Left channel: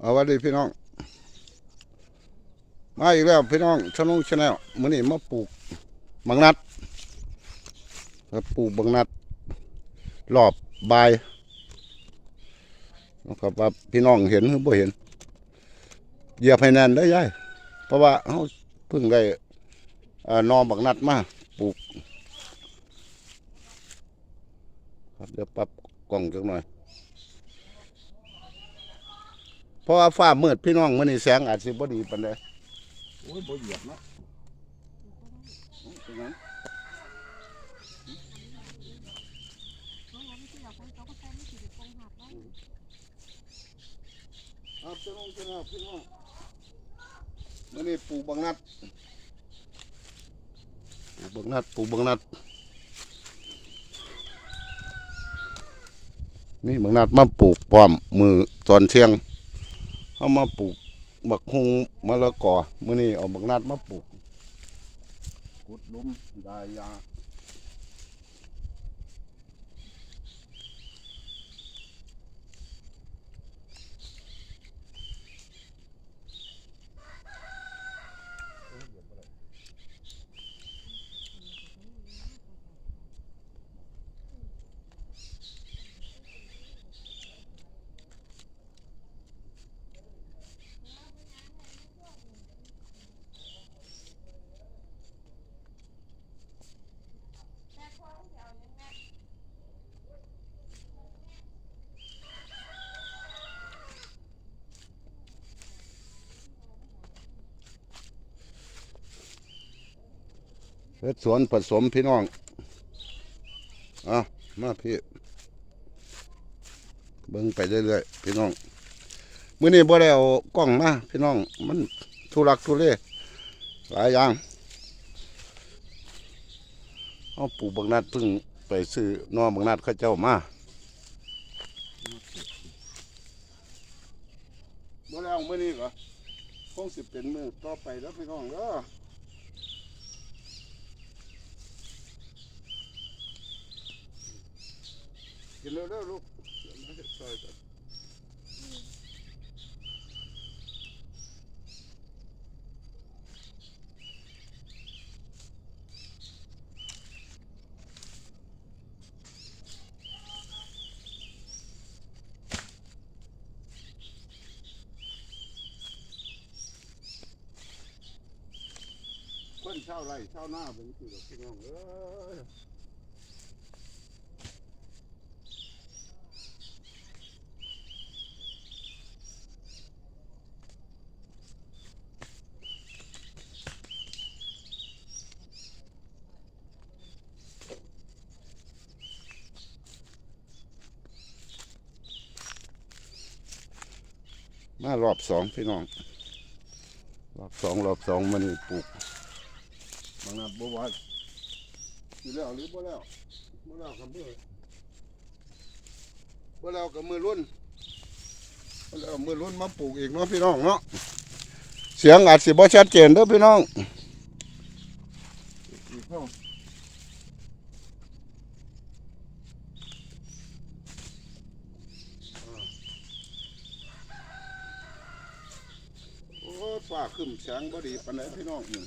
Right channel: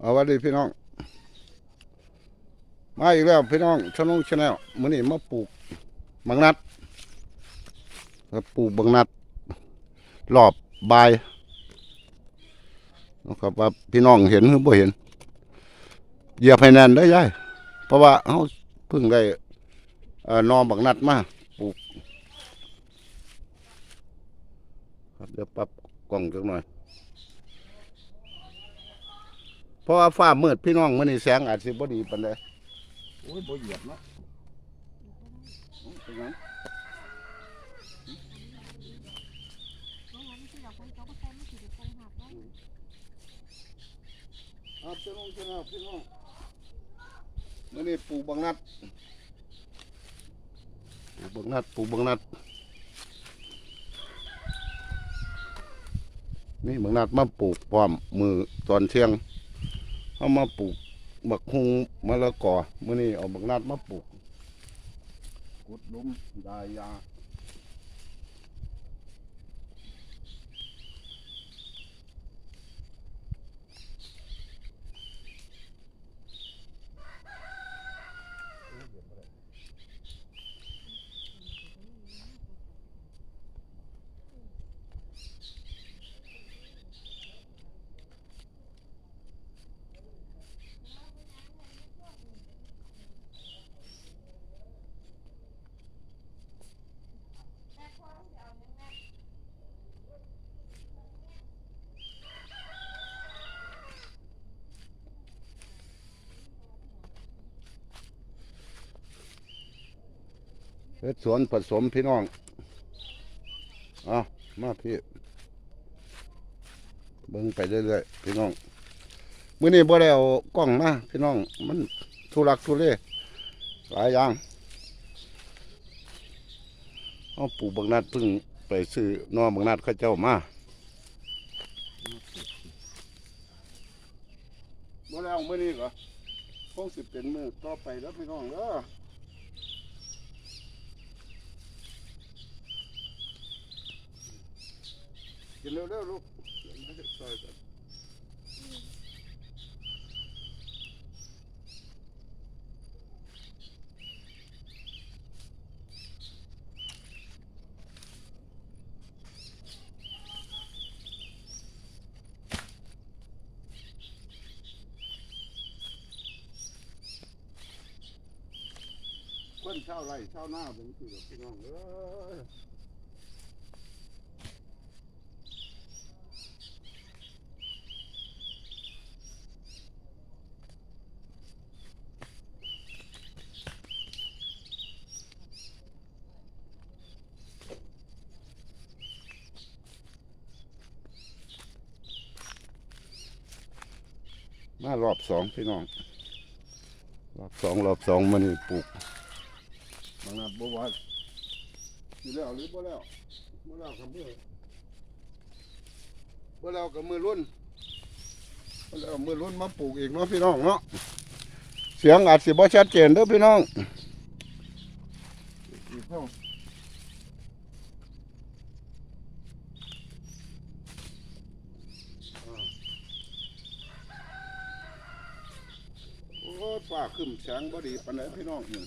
เอาวัสดีพี่น้อง มาอีกแล้วพี่น้องชนงชแนลมื้อนี้มาปลูกบางนัดปลูกบางนัดรอบบายนะครับว่าพี่น้องเห็นหรือบ่เห็นเหยียบให้แน่นได้ยายเพราะว่าเฮาเพิ่งได้เอ่อนบางนัดมาปลูก ครับเดี๋ยวปรับกล้องจักหน่อย เพราะว่าฟ้ามืดพี่น้องมื้อนี้แสงอาจสิบ่ดีปานใดโอ้ยบ่เหยียบเนาะโอ้ยเป็นหยังน้องๆที่เราคนโตก็ใช้ไม่ถือเป็นกงหักได้ครับพี่น้องพี่น้องพี่น้องมื้อนี้ปลูกบางนัดปลูกบางนัดปลูกบางนัดนี่บางนัดมาปลูกพร้อมมือตอนเที่ยง เอามาปลูกบักฮุงมะละกอมื้อนี้เอาบักนัดมาปลูกกุดลุมดายา เฮ็ดสวนผสมพี่น้อง อะ มาพี่เบิ่งไปเรื่อยๆพี่น้องมื้อนี้บ่ได้เอากล้องมาพี่น้อง มันทุรักทุเลหลายอย่างเอาปลูกบางนัดพิ่งไปซื้อนอบางนัดเขาเจ้ามาบ่แล้วมื้อนี้ก็คงสิเป็นมือต่อไปแล้วพี่น้องเด้อ กินเร็วๆลูกเดี๋ยวมาเฮ็ดซอยกันคนเช่าไร่เช่าหน้าเป็นคือแบบพี่น้องเอ้ย มารอบสองพี่น้อง รอบสองรอบสองมันนี่ปลูกบางนัดบ่ว่าสิแล้วหรือบ่แล้วบ่แล้วกับมือบ่แล้วกับมือรุ่นบ่แล้วมือรุ่นมาปลูกอีกเนาะพี่น้องเนาะเสียงอาจสิบ่ชัดเจนเด้อพี่น้องอีกเพิ่มโอ้ยฟ้าครึ้ มแสงบ่ดีปานใดพี่น้องนี่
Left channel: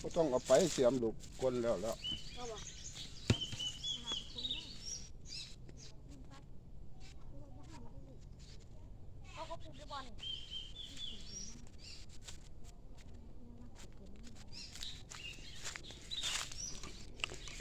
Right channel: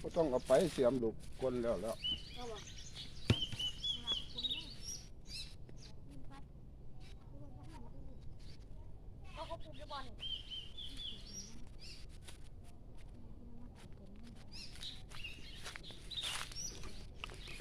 บ่ต้องเอาไปเสียมลูกคนแล้วแล้วก็บอกเขาก็ปลูกด้บอลนี่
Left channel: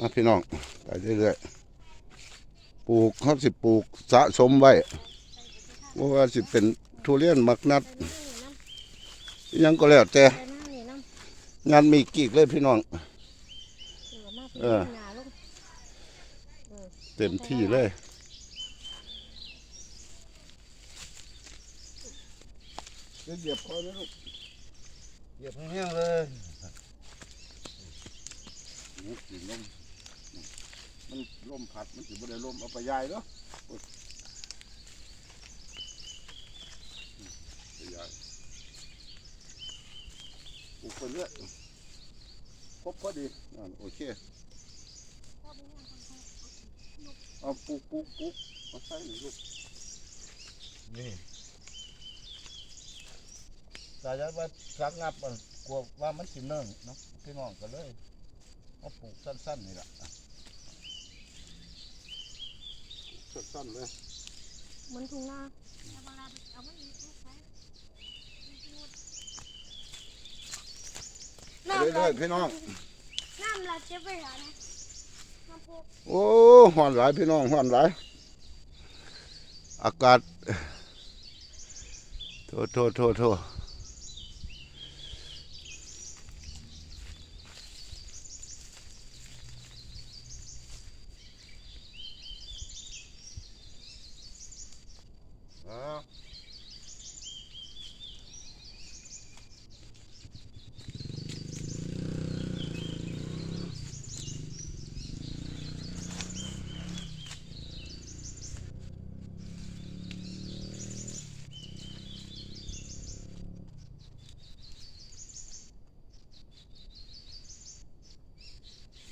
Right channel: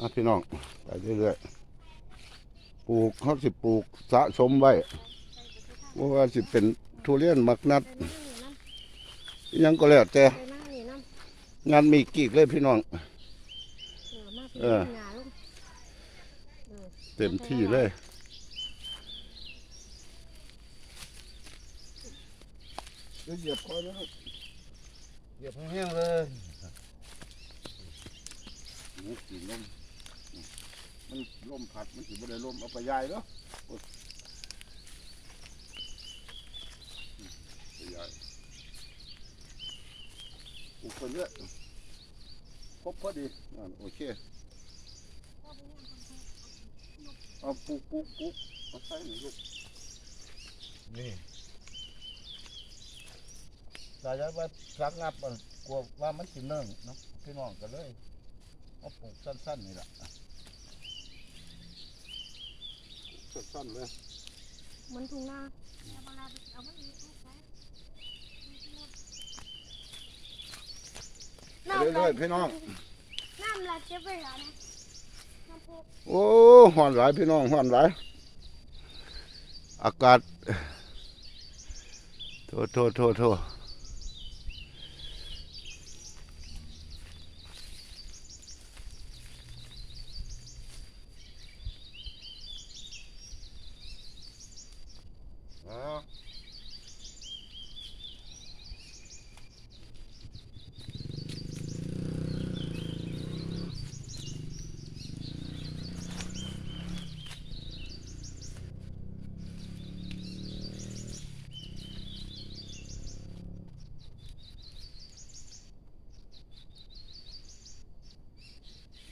นะพี่น้องไปเรื่อยๆปลูกเขาสิปลูกสะสมไว้ว่าว่าสิเป็นทุเรียนมักนัด ยังก็แล้วแต่ไปหน้านี่นั่นงานมีกีกเลยพี่น้องเดี๋ยวมาพี่เออ หนาลงเออเต็มที่เลย เหยียบคอยนะลูกเหยียบแห้งๆเลยนี่กินลมมันลมพัดมันสิบ่ได้ลมเอาไปยายเนาะโอ๊ยไปยาย ปลูกไปเรื่อยครบพอดีอ่าโอเคพ่อไปย่างคนไทยเอาปลูกปลูกปลูกเอาใส่หน่อยลูกนี่กายว่าสักงับมันกลัวว่ามันสิเนื่องเนาะพี่น้องก็เลยเอาปลูกสั้นๆนี่แหละปลูกสั้นๆเลย เหมันทุ่งนาเอาเวลาไปเอามันลูกไป ไป เรื่อยๆพี่น้อง น้ำลาเจ็บไปหานะน้ำพุโอ้ห่อนหลายพี่น้องห่อนหลาย อากาศ โทษโทษโทษโทษอ้าว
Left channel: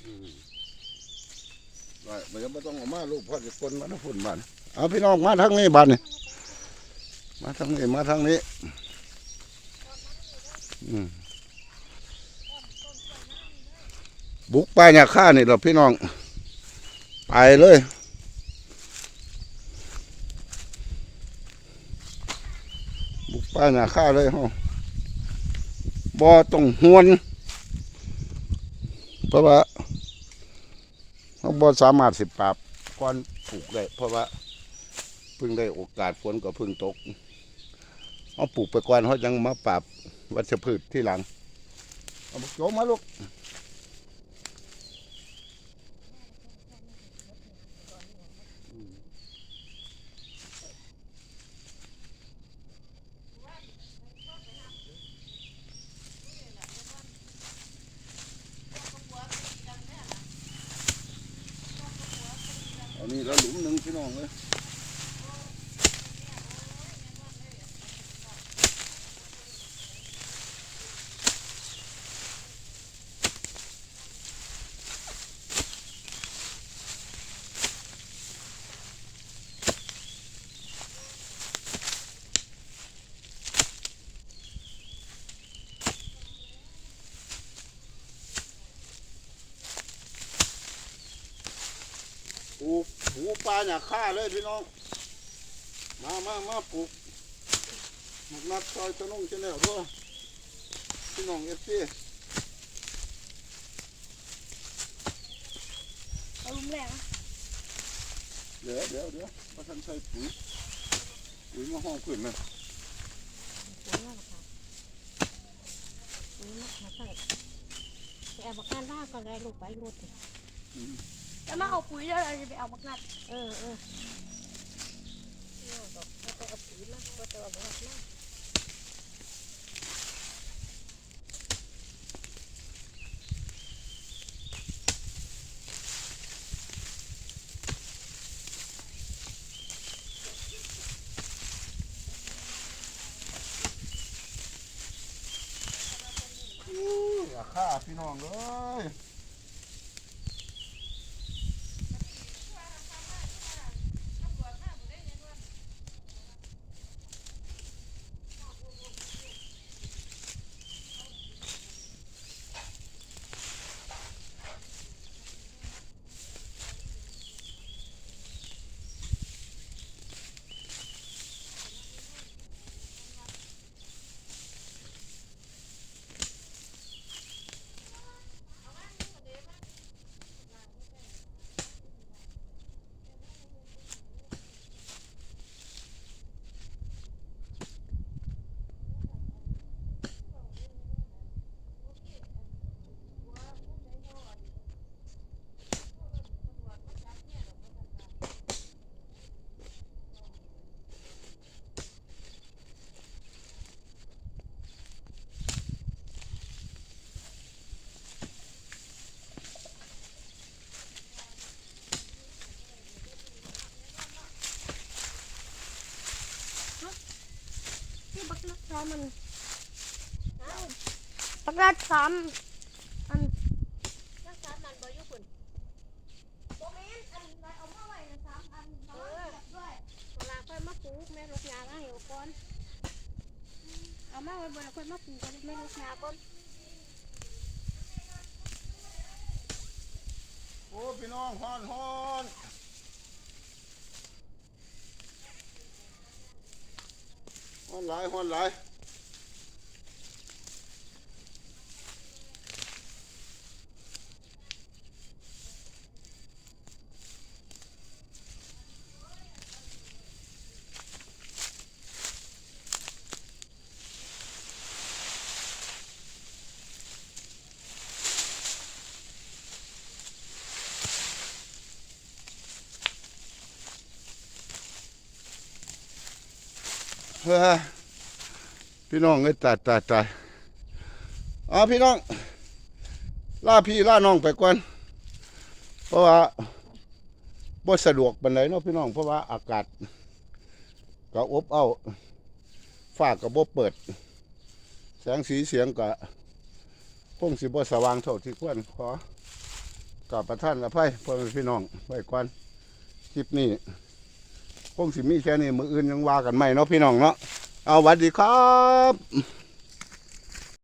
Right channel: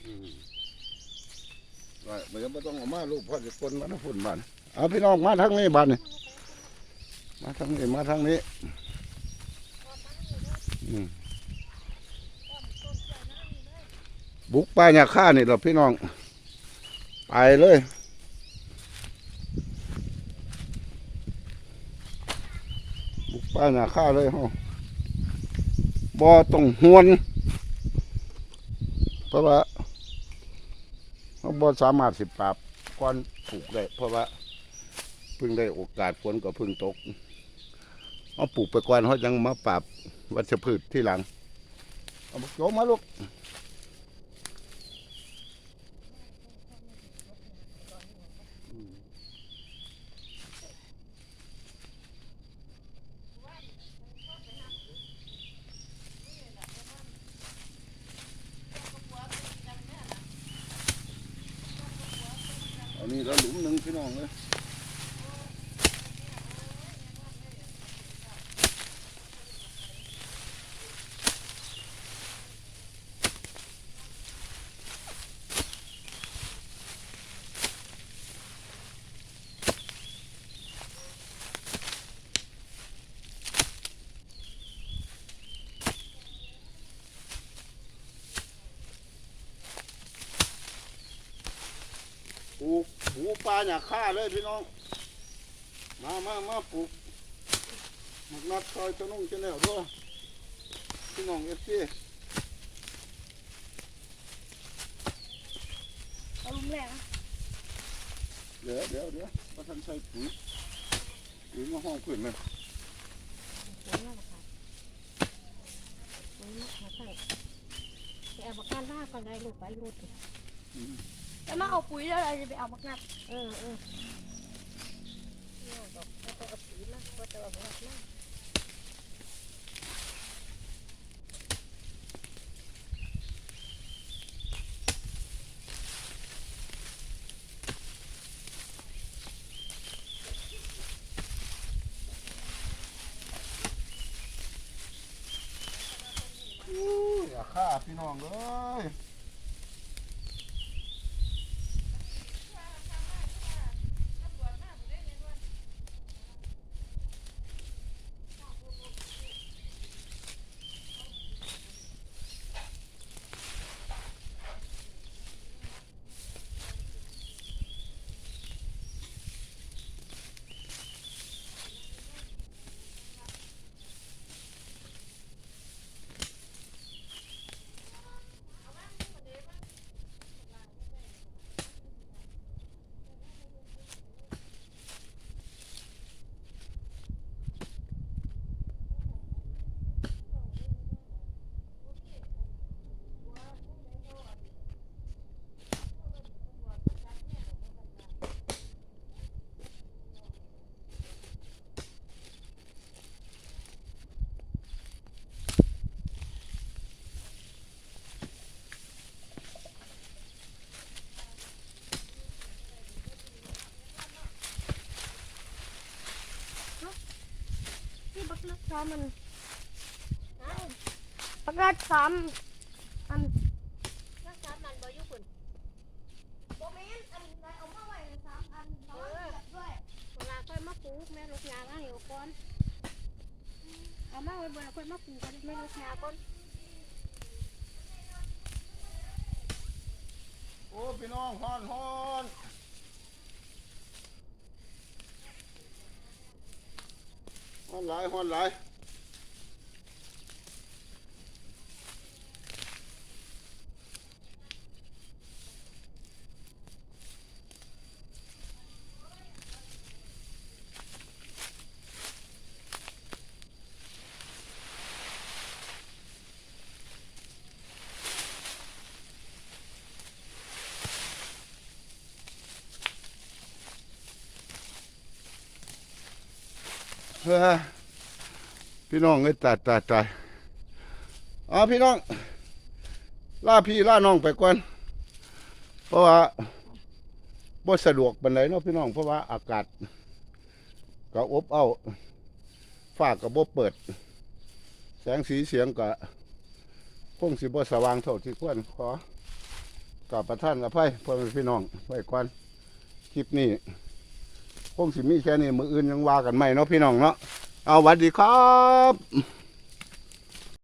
อืมไว้ มันยังไม่ต้องออกมาลูกพ่อจะคนมาทั้งฝุ่นบ้านเอาพี่น้องมาทางนี้บ้านนี่มาทางนี้มาทางนี้อืมบุกไปเนี่ยข้านี่เราพี่น้อง ไปเลยบุกไปเนี่ยข้าเลยฮาบ่ต้องหวนเพราะว่า บ่สามารถสิปราบก้อนปลูกได้เพราะว่าเพิ่งได้โอกาสฝนก็เพิ่งตกเอาปลูกไปก่อนเขายังมาปราบวัชพืชที่หลังเอาบุกโจมมาลูก อนนี้แล้วหลุมหนึ่งพี่น้องเลย ลูกหูปลาเนี่ยฆ่าเลยพี่น้อง มามามาปลูกหมักนัดซอยตะนุ่งจะแนวด้วยพี่น้องเอฟซีเอาลุมแรกนะเดี๋ยวเดี๋ยวเดี๋ยวมาทันใส่ปุ๋ยปุ๋ยมาห้องขึ้นเลยหัวงอกค่ะหัวงอกค่ะไปเอาบักนัดหน้าก่อนเลยลูกไปรถ แล้วมาเอาปุ๋ยแล้วเราจะไปเอาบักนัดเออเออเนี่ยบอกว่าจะเอาปุ๋ยมาว่าจะเอาบักนัดมาอู้อย่าฆ่าพี่น้องเลย ซ้อมมันไอ้บักนัดซ้อมอันนัดซ้อมมันบอยู่คุณโบแมนอันใดเอามาไว้สามอันเออด้วยเวลาค่อยมาปลูกแม่ลูกยาบ้างอยู่ก่อนอเอามาไว้บนแล้วค่อยมาปลูกกันไม่รู้แค่ก่อนโอ้พี่น้องฮ้อนฮ้อนฮ้อนหลายฮ้อนหลาย พี่น้องเอ้ยตายตายตายเอาพี่น้องล่าพี่ล่าน้องไปก่อนเพราะว่าบ่สะดวกปานใดเนาะพี่น้องเพราะว่าอากาศก็อบเอ้าวฟ้าก็บ่เปิด แสงสีเสียงก็คงสิบ่สว่างเท่าที่ควรขอกับประท่านอภัยพ่อแม่พี่น้องไว้ก่อนคลิปนี้ คงสิมีแค่นี้มืออื่นยังว่ากันไม่เนาะพี่น้องเนาะเอาวัดดีครับ